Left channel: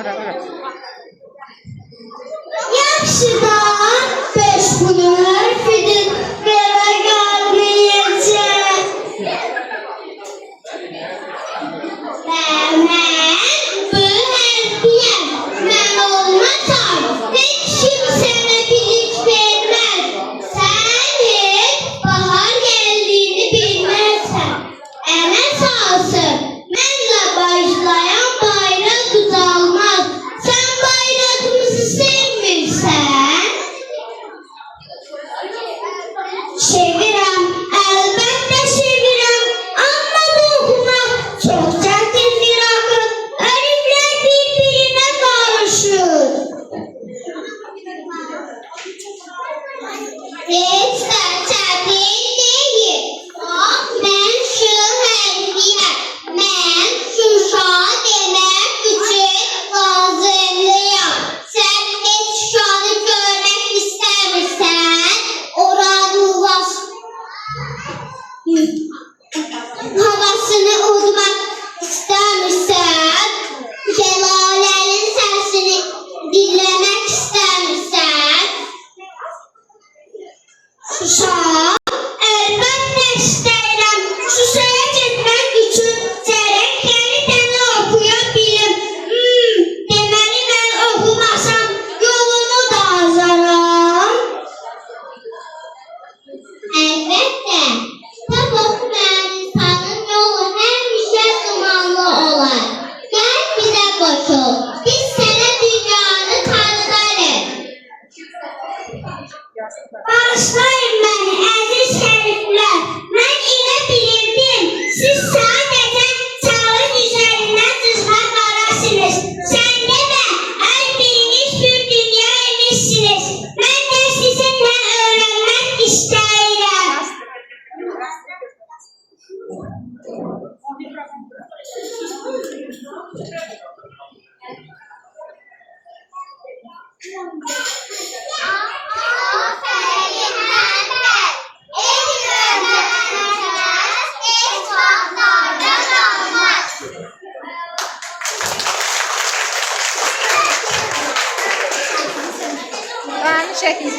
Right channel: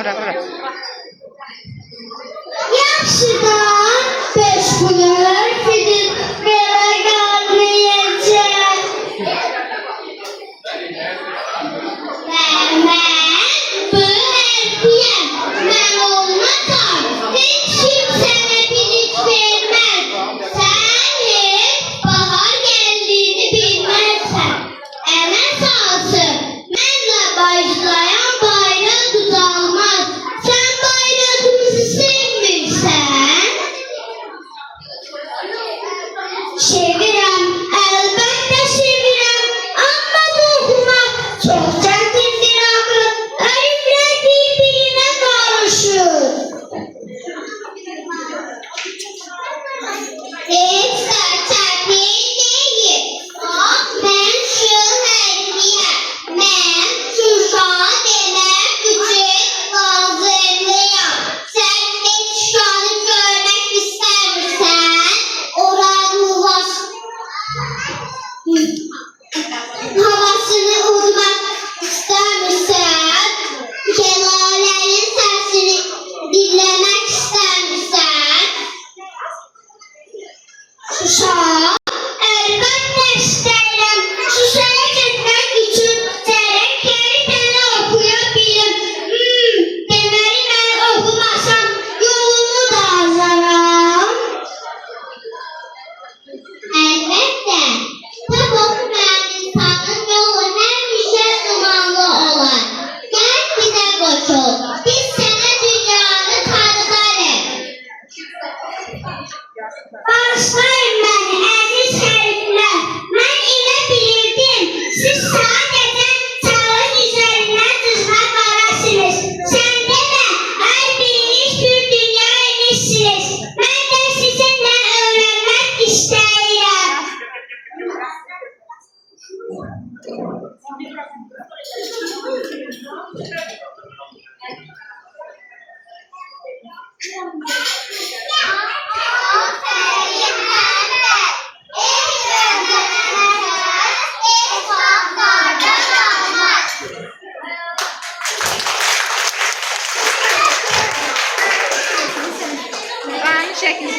Ora. Yaxşıdan beş bulur, fidin bera qalmayacaq. Mən bu hərfiyəm, mən olmasam, heç kim sənə bilik verməz. Sən heç bahar gəldiyini bilməzsən. Əmə salsın, mənlə başlayan bayraq düzəlməz. Sən bayrağımızı sevmirsən? Sevirəm, əlbəttə sevirəm, amma bu oxumaq çox çətindir axı. Hərflər bir-birinə qarışır. Heç də çətin deyil. Bax, mən şu hərfiyəm. Mən Şuşa demək üçün hazırlıyam. Sən heç Şuşanı görmək istəmirsən? Oranın havasını udmaq istəmirsən? Şəlalənin səsini dinləmək istəmirsən? Şuşa, əlbəttə istəyirəm. Şuşaya getmək üçün gərək yenidəni oxuya bilim. Deməli mən oxumasam yolumu da azaram. Əlbəttə, kitab oxumayan insanın yolu həmişə dumanlı olar. Gəl bizə qoşul, biz sənə dünyanı tanıdarıq. Bağışlayın məni, əziz şəriflər. Mən elə bilirdim, siz sadəcə çağın üzərindən cızma qarasınız. Sən demə, hər biriniz bir dünya imişsiniz. Mən də sizinlə öyrənmək istəyirəm. Aynı şəkildə.